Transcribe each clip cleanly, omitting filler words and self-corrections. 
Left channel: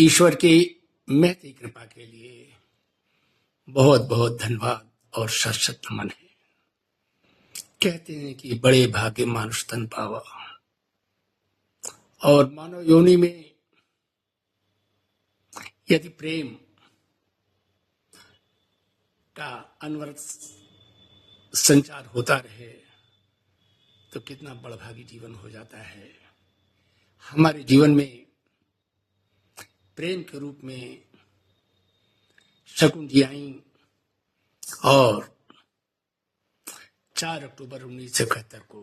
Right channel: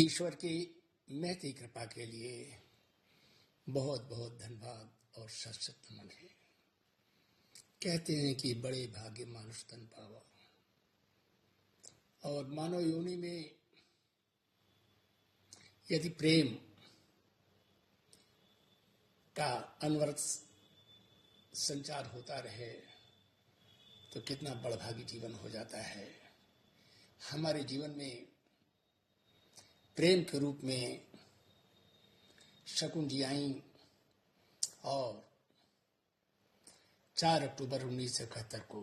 ईश्वर की महती कृपा के लिए बहुत बहुत धन्यवाद और सशक्त नमन है। कहते हैं कि बड़े भाग्य मानुष तन पावा, और मानव योनि में यदि प्रेम का अनवरत संचार होता रहे तो कितना बड़भागी जीवन हो जाता है। हमारे जीवन में प्रेम के रूप में शकुन जी आई और 4 अक्टूबर 1971 को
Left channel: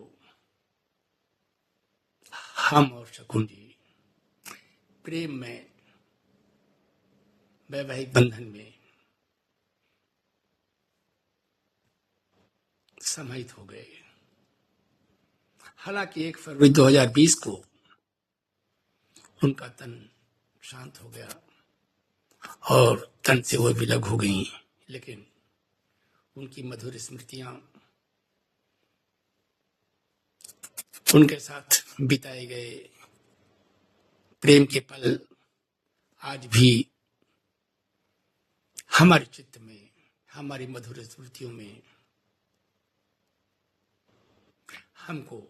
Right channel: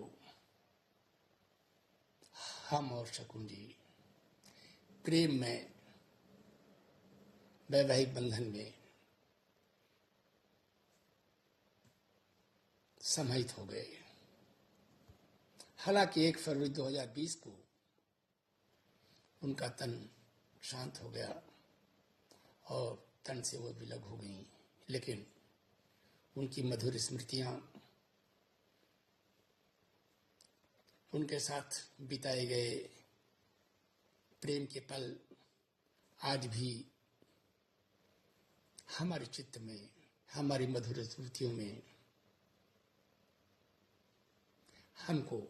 हम और शकुन जी प्रेम में, वैवाहिक बंधन में समाहित हो गए। हालांकि 1 फरवरी 2020 को उनका तन शांत हो गया और तन से वो विलग हो गई, लेकिन उनकी मधुर स्मृतियां, उनके साथ बिताए गए प्रेम के पल आज भी हमारे चित्त में, हमारी मधुर स्मृतियों में हमको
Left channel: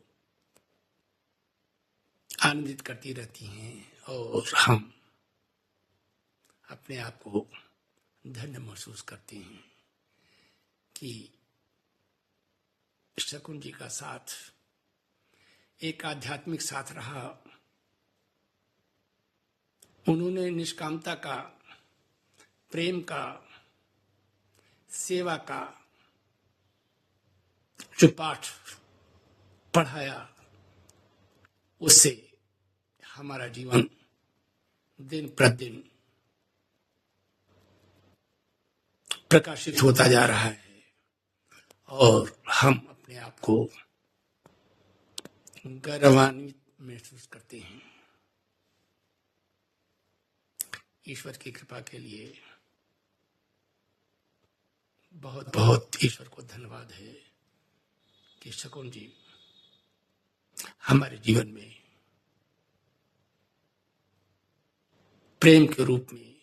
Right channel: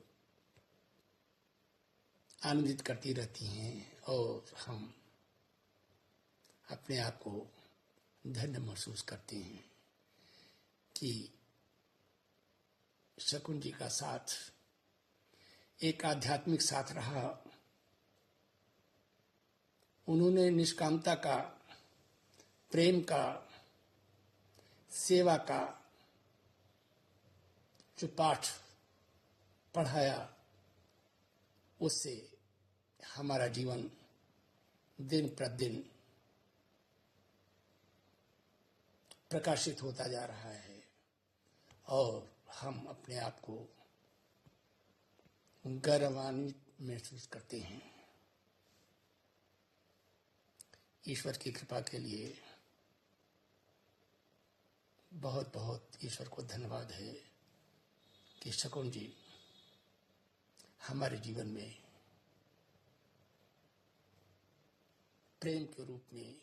आनंदित करती रहती हैं और हम अपने आप को धन्य महसूस करते हैं कि शकुन जी का साथ एक आध्यात्मिक साथ रहा। उन्होंने निष्कामता का, प्रेम का, सेवा का जो पाठ पढ़ाया, उससे हमारा जीवन दिन प्रतिदिन प्रकाशित होता जा रहा है और हम अपने आप को गौरवान्वित महसूस करते हैं। ईश्वर की कृपा के लिए बहुत बहुत ईश्वर को धन्यवाद है कि शकुन जी हमारे जीवन में प्रेम के रूप में,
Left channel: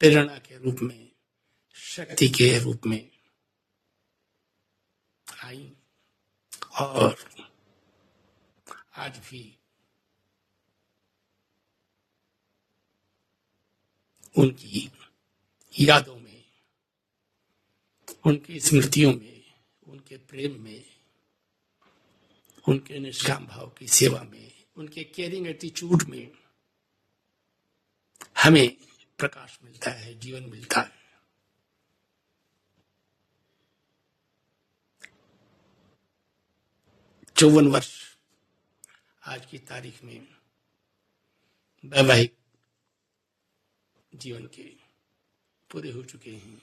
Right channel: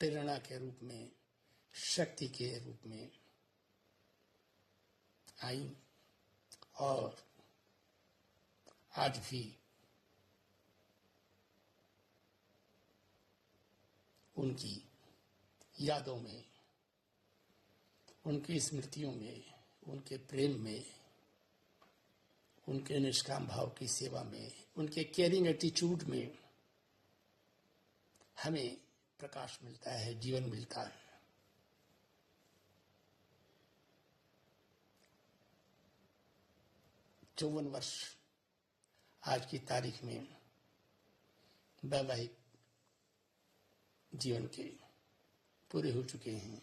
प्रेरणा के रूप में, शक्ति के रूप में आई और आज भी उनकी यादों में, उनकी स्मृतियों में, उनके प्रेम में, उनके निष्काम भाव की सेवा में, उनके केयरिंग एटीट्यूड में हमें प्रकाश मिलता है, जीवन मिलता है। चौवन वर्ष आज की तारीख में वैवाहिक जीवन के पूरे हो चुके हैं।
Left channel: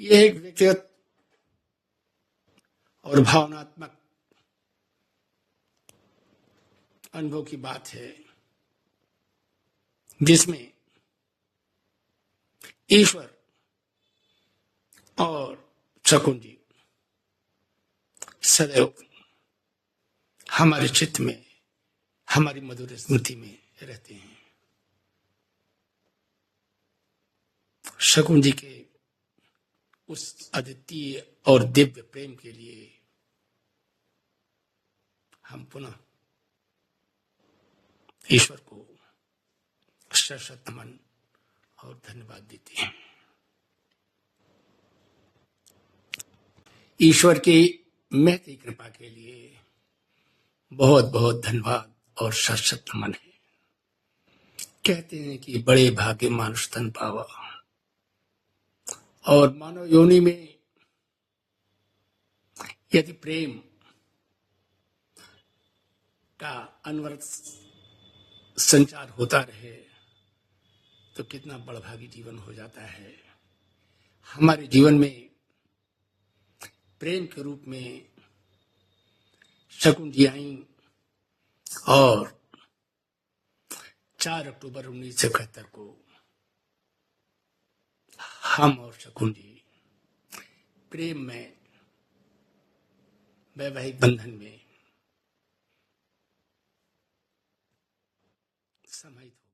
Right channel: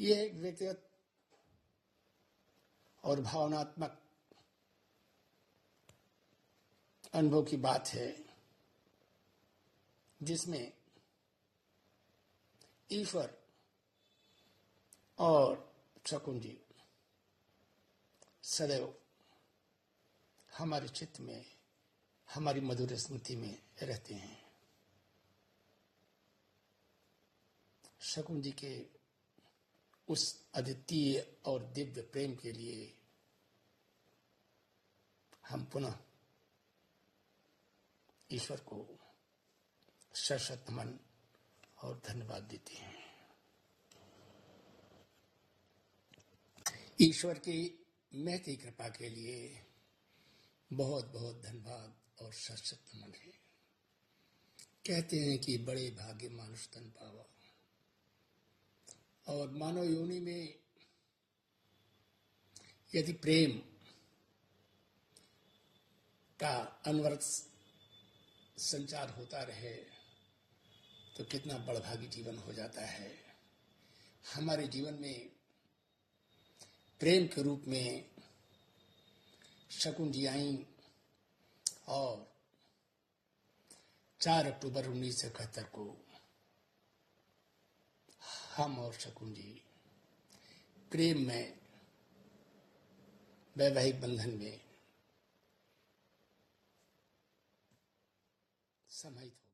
यह एक व्यक्तिगत और भावनात्मक अनुभव की बात है जिसमें ईश्वर और शकुन जी सदैव हमारे चित्त में, हमारी मधुर स्मृति में रहते हैं। शकुन जी के उस अद्वितीय और दिव्य प्रेम के लिए हम पुनः ईश्वर को सशक्त नमन और धन्यवाद देते हैं। ईश्वर की महती कृपा के लिए बहुत बहुत धन्यवाद और सशक्त नमन है। कहते हैं कि बड़े भाग्य मानुष तन पावा, और मानव योनि में यदि प्रेम का अनवरत संचार होता रहे तो कितना बड़भागी जीवन हो जाता है। हमारे जीवन में प्रेम के रूप में शकुन जी आई और 4 अक्टूबर 1971 को हम और शकुन जी प्रेम में, वैवाहिक बंधन में समाहित हो गए।